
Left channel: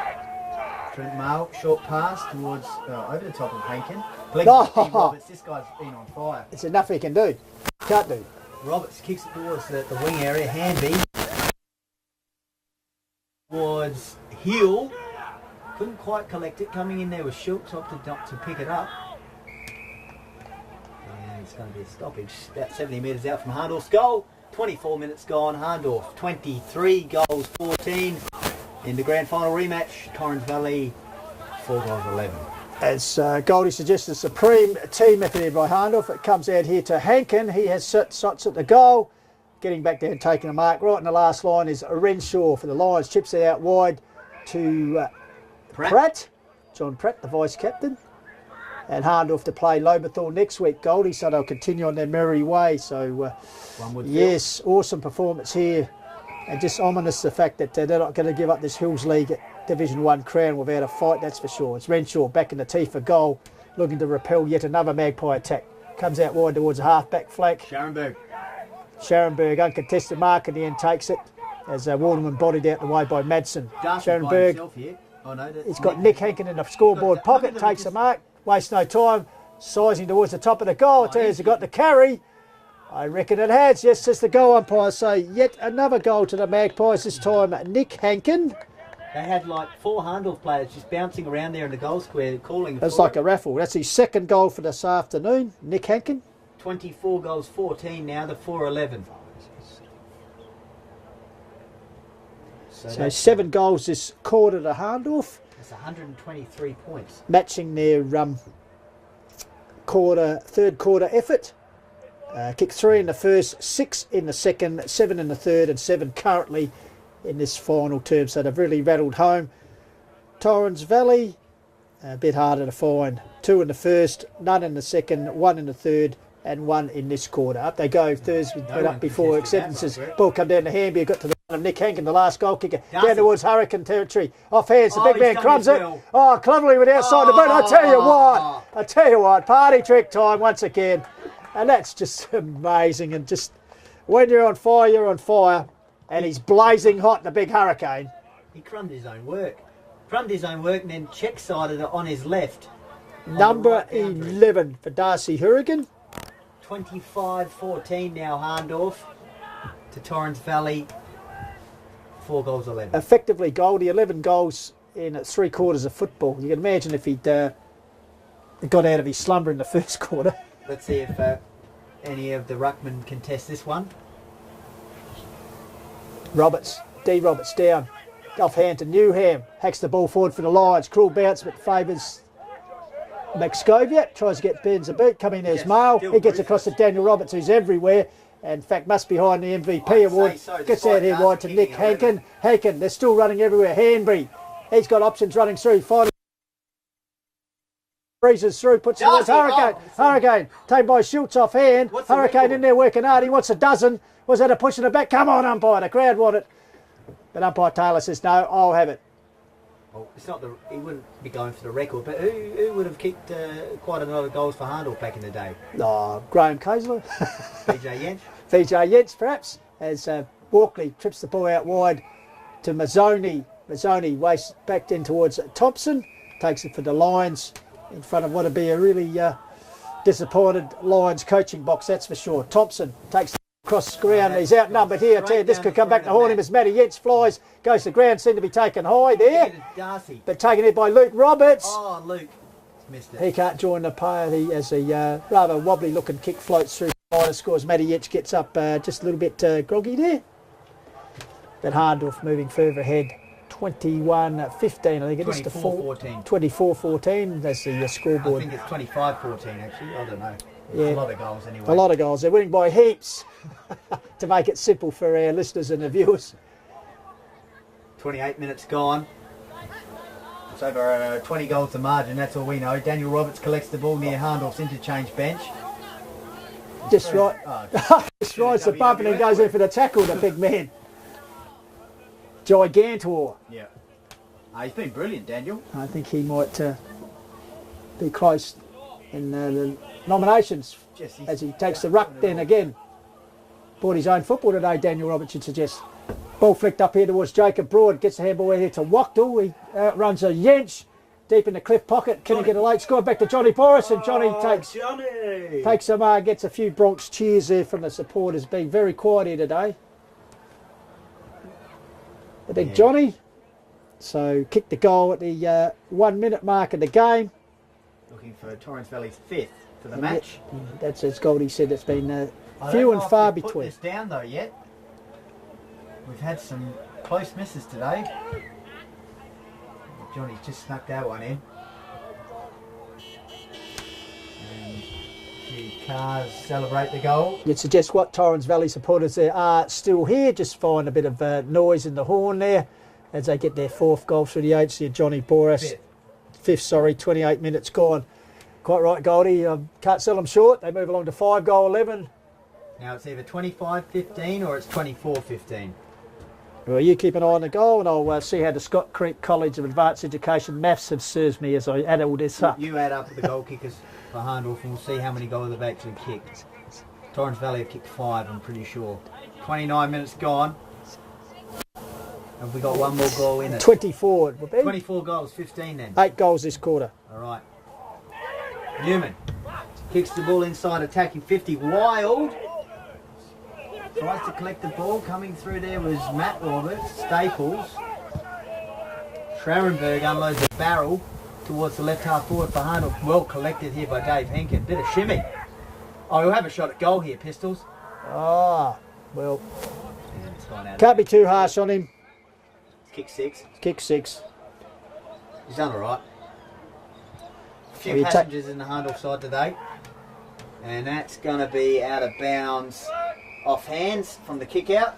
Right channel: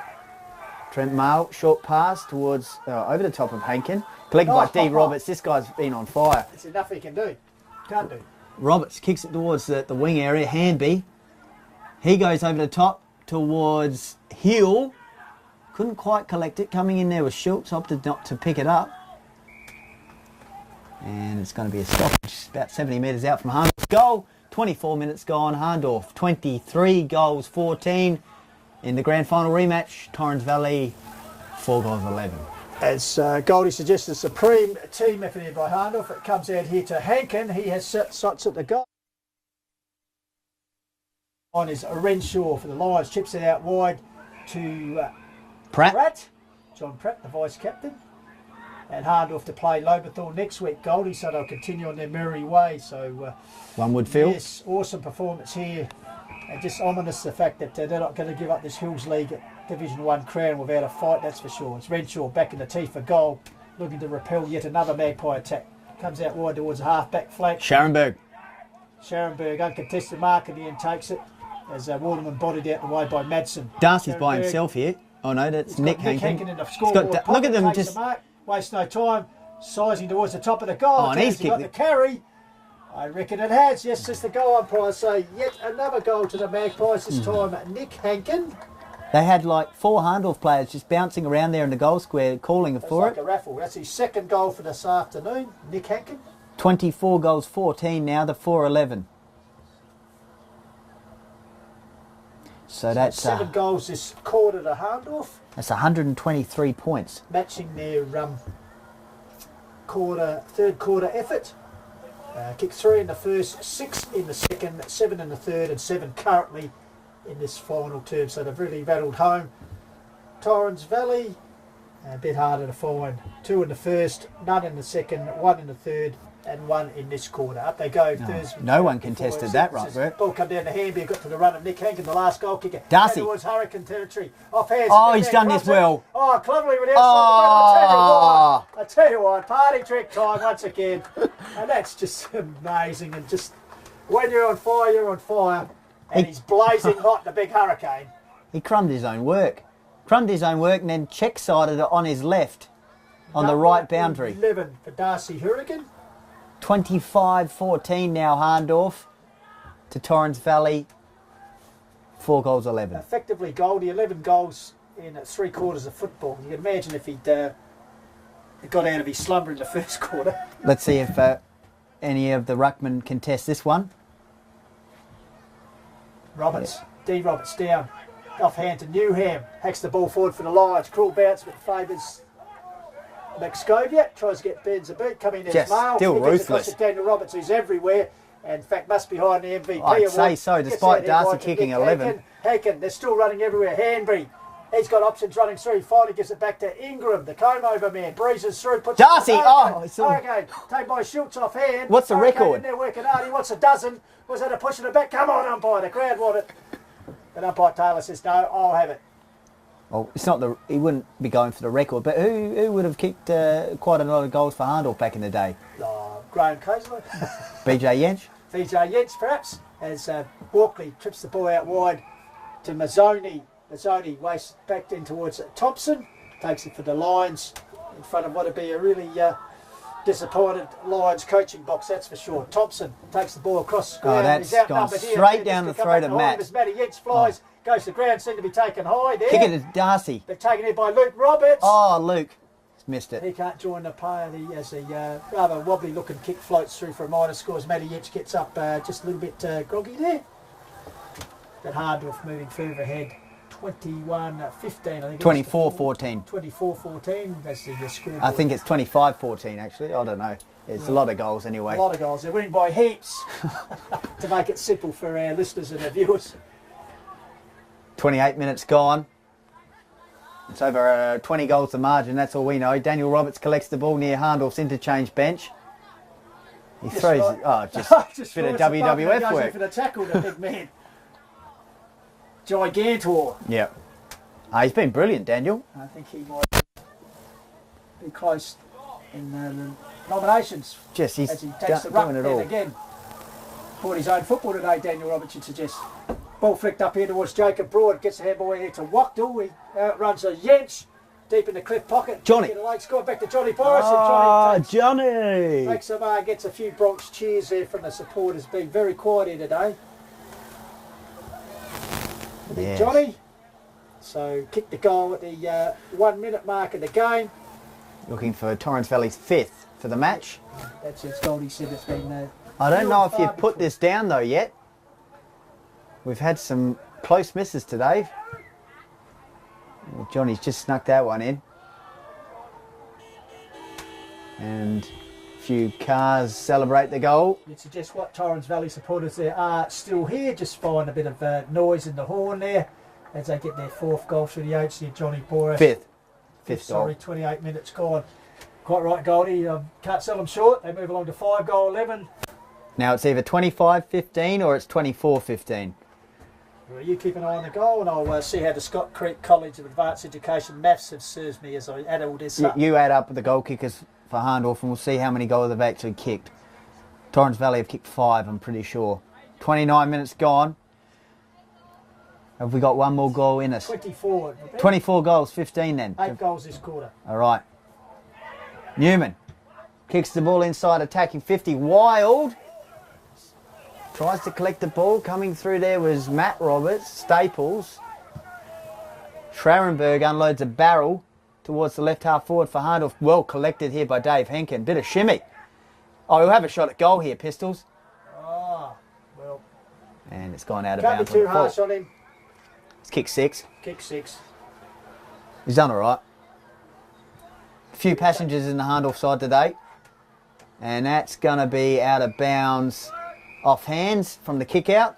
Trent Mull, short pass towards over the top of Hankin. Collected by D. Roberts. This guy's been on fire. It's enough he can do. Can't do. Roberts kicks it towards the wing area. Handby. He goes over the top towards Hill. Couldn't quite collect it. Coming in there with Schultz, opted not to pick it up. And it's going to be a stoppage. About 70 metres out from Hahndorf's goal. 24 minutes gone. Hahndorf 23 goals 14 in the grand final rematch. Torrens Valley 4 goals 11. As Goldie suggests, a supreme team effort here by Hahndorf. It comes out here to Hankin. He has shots at the goal. Getting back there and taking a mark. Right in the last line is Renshaw for the Lions. Chips it out wide to Pratt. John Pratt, the vice-captain. And Hahndorf to play Loberthal next week, Goldie, so they'll continue on their merry way. So, one would feel. Yes, awesome performance here. And just ominous the fact that they're not going to give up this Hills League Division 1 crown without a fight, that's for sure. It's Renshaw back in the teeth for goal, looking to repel yet another Magpie attack. Comes out wide towards the half-back flank. Scharenberg, uncontested mark in the end, takes it. As Waterman bodied out the way by Madsen. Darcy's by himself here. Oh no, that's He's got Nick Hankin in the scoreboard pocket, look at them, takes just the mark, wastes no time, sizing towards the top of the goal. Oh, and He's got the carry. I reckon it has, yes, as the goal umpires say. Yet another goal to the Magpies, this time Nick Hankin. They had like 4 Hahndorf players just bouncing around there in the goal square calling That's for like it. a raffle. That's his second goal for this afternoon, Nick Hankin. 24 goals 14 now, the 4-11. So that's 7 goals this quarter to Hahndorf. That's 123 points. Matching their third quarter effort. Kicked 3 in the first, 6 in the second, 7 in the third, and 7 currently in this final term. So they've really rattled home. Torrens Valley, a bit harder to find. 2 in the first, none in the second, 1 in the third, and 1 in this quarter. Up they go, Thursday. no one before contested that, acceptances. right? Ball come down to Hahndorf, got to the run of Nick Hankin, the last goal kicker. Darcy. Down towards Hourigan territory. Off hands, Oh, the big he's man done crumbs this it. well. Oh, cleverly went outside the boot. I tell you what, party trick time once again. And that's just amazing. And just when you're on fire, you're on fire. And he's blazing hot in a big hurricane. He crumbed his own work. And then check-sided it on his left on the right boundary. 11 for Darcy Hourigan. 25-14 now, Hahndorf to Torrens Valley. 4 goals 11. Effectively, Goldie, 11 goals in 3 quarters of football. You can imagine if he'd got out of his slumber in the first quarter. Let's see if any of the ruckmen contest this one. Roberts, D. Roberts down. Offhand to Newham. Hacks the ball forward for the Lions. Cruel bounce, but favours Maxcovia. Tries to get Burns a beat. Come in, there's Just Mail. He still gets ruthless. across to Daniel Roberts, who's everywhere. And in fact, must be behind the MVP I'd award. say so, Gets despite out here Darcy wide to kicking Nick 11. Haken, they're still running everywhere. Hanbury. He's got options running through. He finally gives it back to Ingram, the comb-over man. Breezes through, puts Darcy! it on Hurricane. Oh, it's on. Hurricane, taken by Schultz off hand. What's the Hurricane record? in there working hard. He wants a dozen. Was that a push in the back? Come on, umpire. The crowd want it. But umpire Taylor says, no, I'll have it. Well, it's not the. He wouldn't be going for the record, but who would have kicked quite a lot of goals for Hahndorf back in the day? Oh, Graham Kaiser. BJ Yench? VJ Yentz, perhaps, as Walkley trips the ball out wide to Mazzoni. Mazzoni wastes back in towards Thompson. Takes it for the Lions in front of what would be a really disappointed Lions coaching box, that's for sure. Thompson takes the ball across the ground. that's He's outnumbered gone here. straight This down could the come back to throat of haunt him Matt. as Matty Yates flies. Goes to the ground, seemed to be taken high there. Kick it to Darcy. But taken in by Luke Roberts. Oh, Luke. Missed it. He can't join the pair. He has a rather wobbly looking kick, floats through for a minor score as Matty Yates gets up just a little bit groggy there. But Hahndorf moving further ahead. 21-15, I think it is. 24-14. 24-14, that's the scoreboard. I think it's 25-14 actually. I don't know. It's Yeah. a lot of goals anyway. A lot of goals. They're winning by heaps to make it simple for our listeners and the viewers. 28 minutes gone. It's over 20 goals to margin, that's all we know. Daniel Roberts collects the ball near Hahndorf's interchange bench. He Just throws right. it- oh, just Just bit of rides the bump and WWF goes in work. for the tackle, the big man. Gigantor. Yeah. He's been brilliant, Daniel. I think he might be close in the nominations Just he's as he takes the doing ruck it then all. again. Bought his own football today, Daniel Roberts should suggest. Ball flicked up here towards Jacob Broad, gets the handball here to Wachtel. He outruns a Yench deep in the cliff pocket. Johnny. Get a late score back to Johnny Forrest, and Johnny Johnny! takes some, gets a few Bronx cheers there from the supporters. Being very quiet here today. The big Yes. Johnny. So kicked the goal at the 1 minute mark of the game. Looking for Torrens Valley's 5th for the match. That's as Goldie said. It's been. I few don't know and if far you've put between. this down though yet. We've had some close misses today. Johnny's just snuck that one in. And a few cars celebrate the goal. You'd suggest what Torrens Valley supporters there are still here. Just find a bit of noise in the horn there as they get their 4th goal through the agency of Johnny Boris. 5th. 5th, sorry, 28 minutes gone. Quite right, Goldie. Can't sell them short. They move along to 5 goal 11. Now it's either 25-15 or it's 24-15. Well, you keep an eye on the goal, and I'll see how the Scott Creek College of Advanced Education maths have served me as I add all this up. You add up the goal kickers for Hahndorf and we'll see how many goals they've actually kicked. Torrens Valley have kicked 5, I'm pretty sure. 29 minutes gone. Have we got one more goal in it? 24. it would be. 24 goals, 15 then. 8 goals this quarter. All right. Newman kicks the ball inside, attacking 50. Wild tries to collect the ball. Coming through there was Matt Roberts, Staples. Schrarenberg unloads a barrel towards the left half forward for Hahndorf. Well collected here by Dave Henkin. Bit of shimmy. Oh, he'll have a shot at goal here, Pistols. Ah, well, And it's gone out of can't be bounds. too harsh on him. It's kick 6. Kick 6. He's done all right. A few Well, you passengers in the Hahndorf side today. And that's going to be out of bounds off hands from the kick out.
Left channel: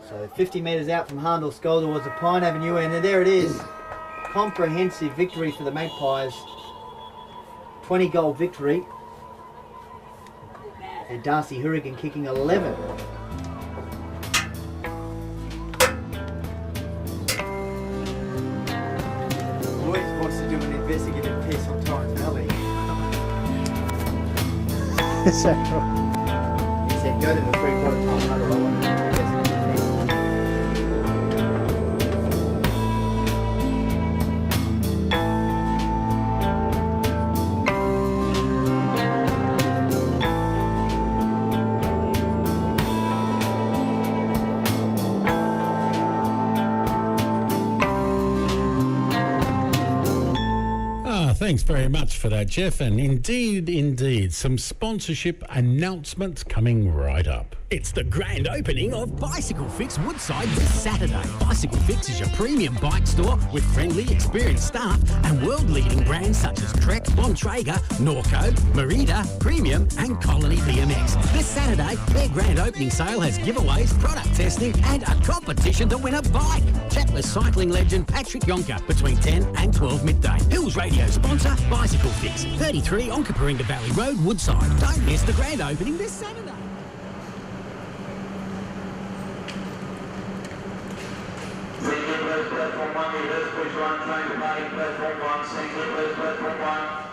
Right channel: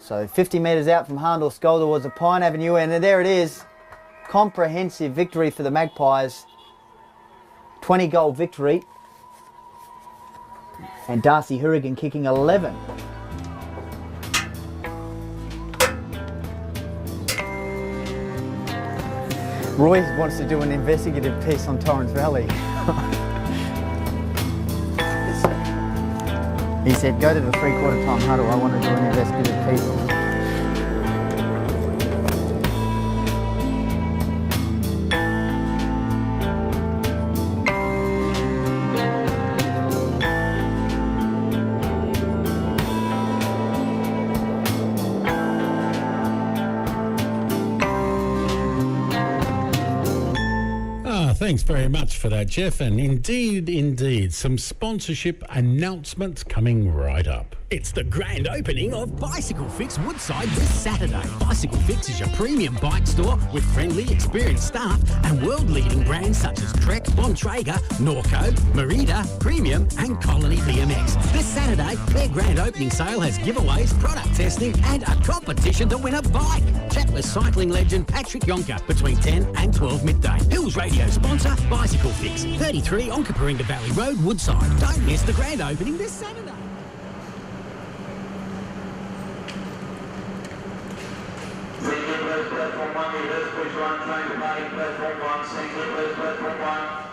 So 50 metres out from Hahndorf's goal towards the Pine Avenue. And there it is. Comprehensive victory for the Magpies. 20 goal victory. and Darcy Hourigan kicking 11. Roy wants to do an investigative piece on Torrens Valley. So, he said, go to the 3/4 time huddle, I want to do an investigative piece. Thanks very much for that, Jeff. And indeed, some sponsorship announcements coming right up. It's the grand opening of FootyFlix Woodside this Saturday. FootyFlix is your premium bike store with friendly, experienced staff and world-leading brands such as Trek, Bontrager, Norco, Merida, Premium and Colony BMX. This Saturday, their grand opening sale has giveaways, product testing and a competition to win a bike. Chat with cycling legend Patrick Yonker between 10 and 12 midday. Hills Radio sponsor FootyFlix, 33 Onkaparinga Valley Road, Woodside. Don't miss the grand opening this Saturday. Platform 1, reverse push 1, train departing platform 1, single platform 1.